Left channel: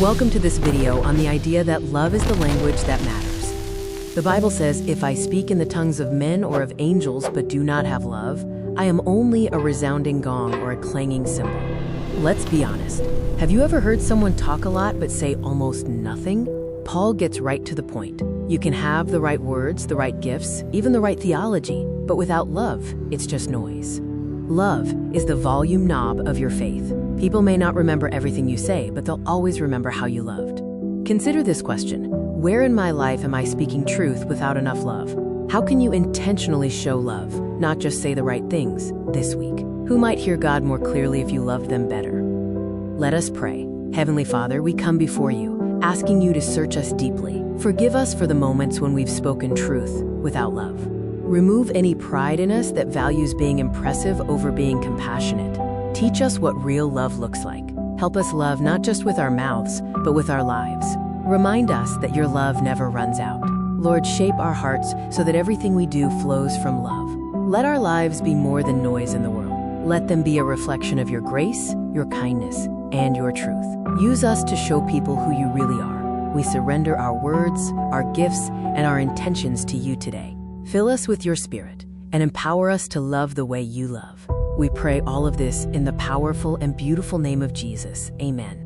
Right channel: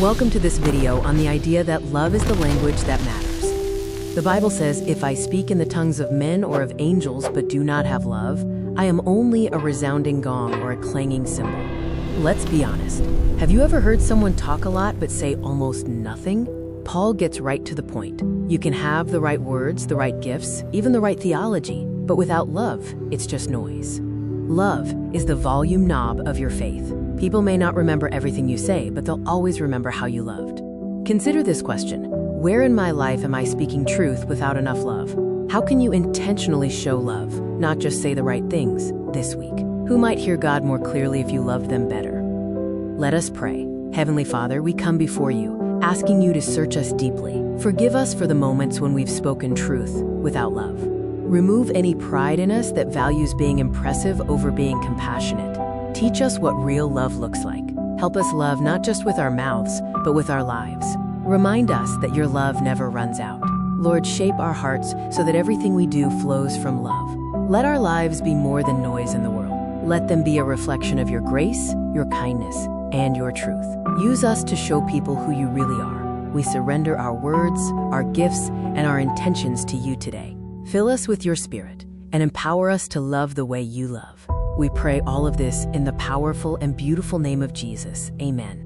Welcome to this video on the idea that love is the language that matters. The Bible says, "If I speak in the tongues of men or of angels but do not have love, I am only a resounding gong or a clanging cymbal." Let's be honest. Have you ever heard someone talk a lot but say almost nothing? Paul gets right to the point. You can have the right words, the right gifts, even the right theology, but without love, it's just noise. Love is the volume knob of your faith. People may not remember everything you say, but they'll always remember how you loved. Consider this question. Where in my life am I speaking truth without enough love? How can you intentionally show love, not just say the right things, this week? Who might hear God more clearly if you loved them better? Let us pray. Heavenly Father, we come before you, asking you to search us deeply. Forgive us for the moments when we've spoken truth without love. Remove any pride in us that values being impressive over being compassionate. Teach us what real love looks like. Help us love not just with our mouths, but with our lives. Remind us that your love never runs out. Lord, shape our hearts so that everything we do flows from love. Let our lives be more than noise in the world. Let them be a reflection of your grace, your kindness, and your truth. Use us to show people who you really are. We surrender our words, our gifts, and our intentions to you today. Fill us with your Spirit and empower us to love the way you love. We pray all of this in the powerful and beautiful name of Jesus. Amen.